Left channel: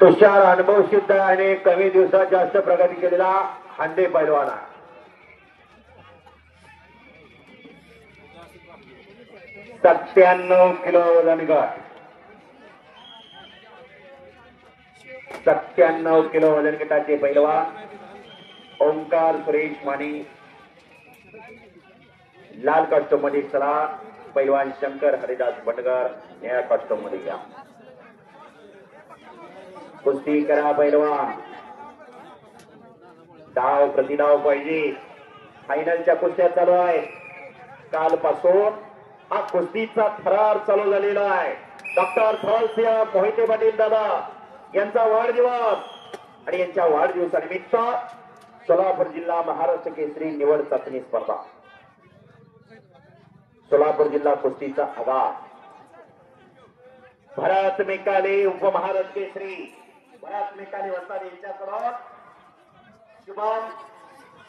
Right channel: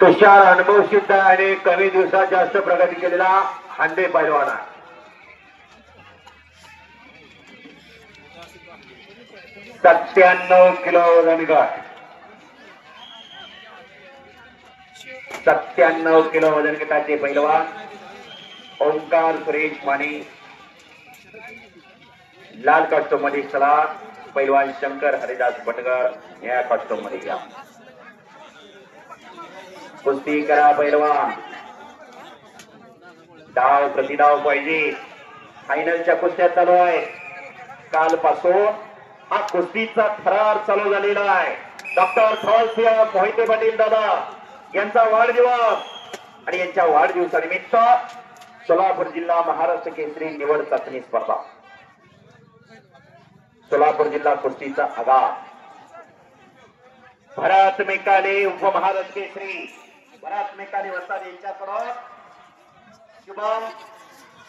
तुषार अनुभव सिद्ध आणि कमी दिवसात जास्त प्रगती केलेला हांडे पैलवान आहे. 97 किलो वजन गट 97 किलो वजन गटाचे पैलवान ओंकार सुरेश माने. लाल कॉस्ट्यूम मध्ये चला पैलवान शंकर हरिदास भटकर या कॉस्ट्यूम मध्ये घ्या. कुस्ती करा पैलवान. डाव प्रतिडाव पाहिजे. फायनलच्या कुस्त्या चालू आहे. कालपासून हा कुस्तीचा थरार चालू झालेला आहे. डॉक्टर थॉलसिंह मोहिते पाटील दादा यांचा वाढदिवस आणि यांच्या वाढदिवसानिमित्त सोलापूर जिल्हा महाराष्ट्र केसरी निवड चाचणी स्पर्धा. सोलापूर जिल्हा कुस्तीचा आगार. भरत मेकाले उपमहाराष्ट्र केसरी भरत मेकाले वस्ताद यांच्याकडून शुभम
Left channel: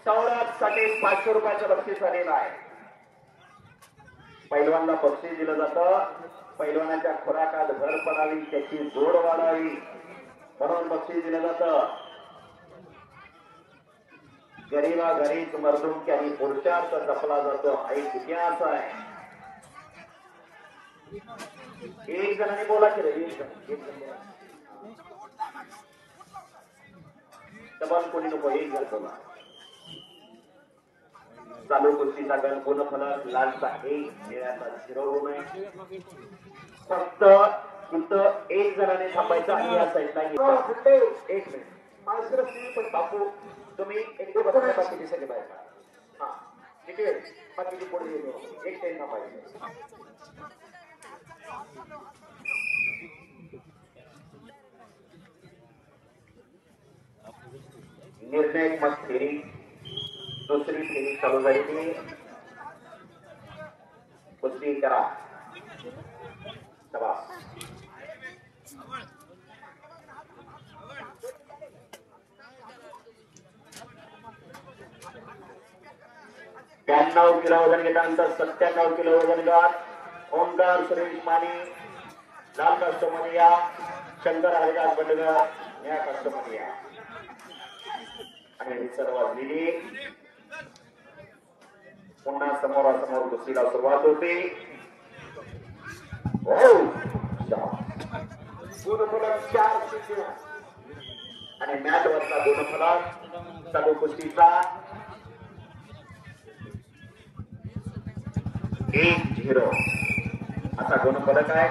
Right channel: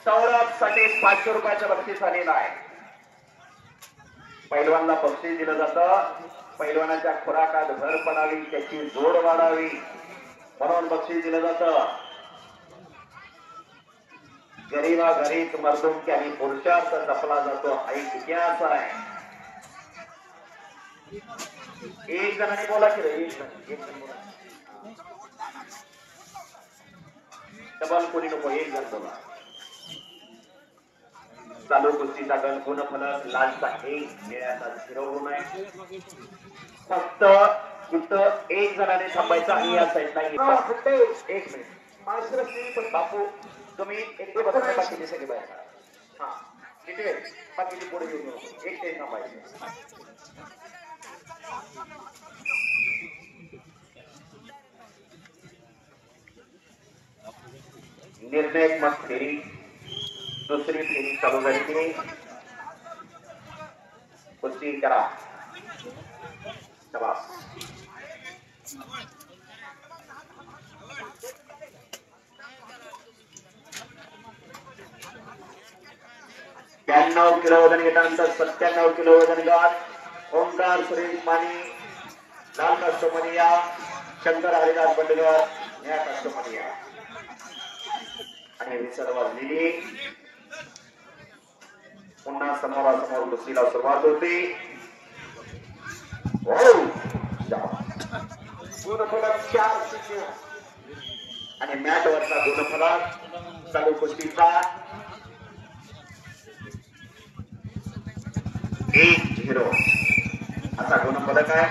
सौरभ साठी 500 रुपयाचं बक्षीस आलेलं आहे. पैलवानला बक्षीस दिलं जातं. पैलवानाच्या खुराकात भर पडावी, त्याची जोड वाढावी म्हणून बक्षीस दिलं जातं. गरीबा घरीच मर्दुमकी आणि पुरुषार्थ जपला जातो हा एक इतिहास आहे. एक जणांनी बोला की एक जण बोला. डबल कोणी नको, एक जण बोला. चालू कुस्तीचा गण गुणफलक लालचा 1 निळ्याचा 0 आहे. फक्त इथं एक जणाने थांबायचं आणि या साईडला एक मिनिट बापू तुम्ही एक दे बघा बाकीचे सगळे बाहेर. हा किती बाकीचे पुढे येऊ एक ते थांबायचे. निर्णायक मत फेरी दुसरी फेरी चालू झाली. कुस्ती करा. शाबास. ब्याण्णव किलो वजन गटानंतर 97 किलो वजन गट ओंकार सुरेश माने लाल कस्टमरिया शंकर हरिदास बंडगर या कस्टमरिया आणि विसर वाजलेली. पुन्हा समोरासमोर कुस्तीला सुरुवात होती. गुणफलक 4 आणि मॅच वरचा गुणफलक चालू कुस्तीचा 1-0 असा गुणफलक आहे.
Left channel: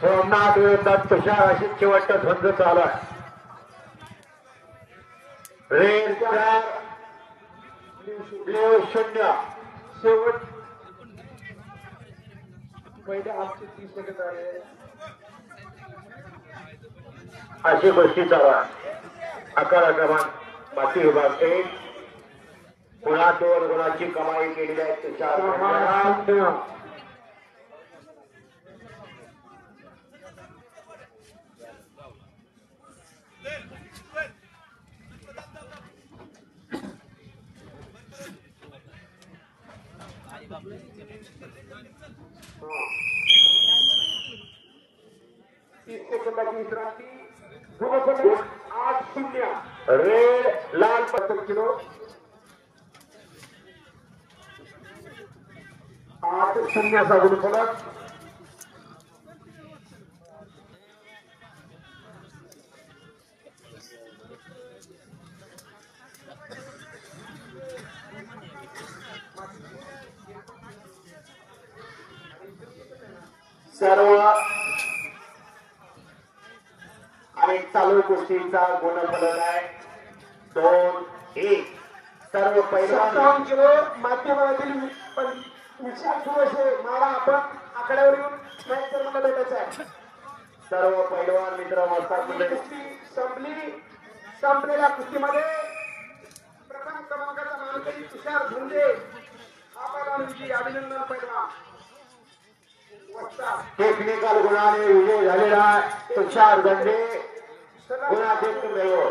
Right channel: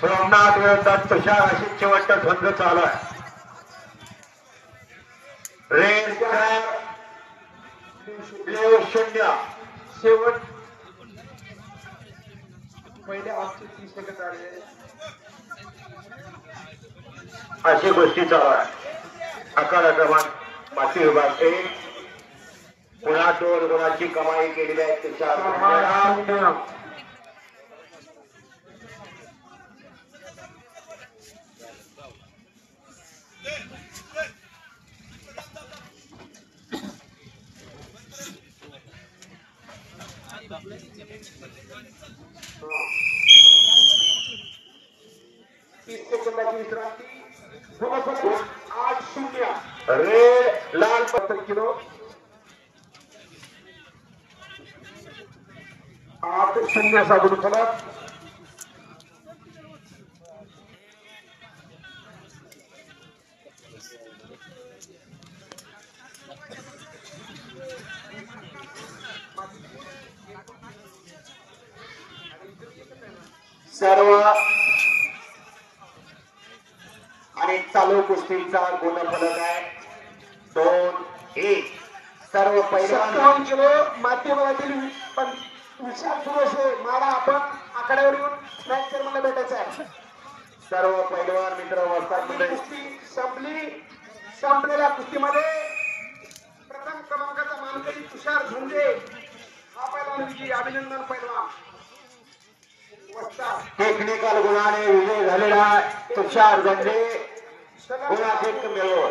सोमनाथ विरोधात तुषार अशी शेवटचा झुंज चालू आहे. रेल 4 ब्ल्यू 0 शेवट पहिले आमचे 30 सेकंद आले अशी गोष्टी चालू आहे. 11 क्रमांक माती विभाग 1 पुन्हा 2 गुणाची कमाई केलेली आहे. तुषार विश्रांती 8-0 रेड लाल 70 किलो 8-0 असा गुणफलक. सर्व आणि चालू कुस्तीचा गुणफलक आहे 2-1. सर्व पैलवान 57 किलो माध्यमातील विशाल सुरेश मला आपण आकड्यावर येऊन मॅचर मला भेटायचं आहे. सर्व पैलवान मित्र कुस्ती संपलेल्या कुस्तीमध्ये प्रथम क्रमांकाचा मानकरी तुषार झुंजे हा पैलवान विजयी. अभिनंदन पैलवान. टेक्निकल गुणाने विजय झालेला तुषार झुंजे गुणाधिक्य मिळवून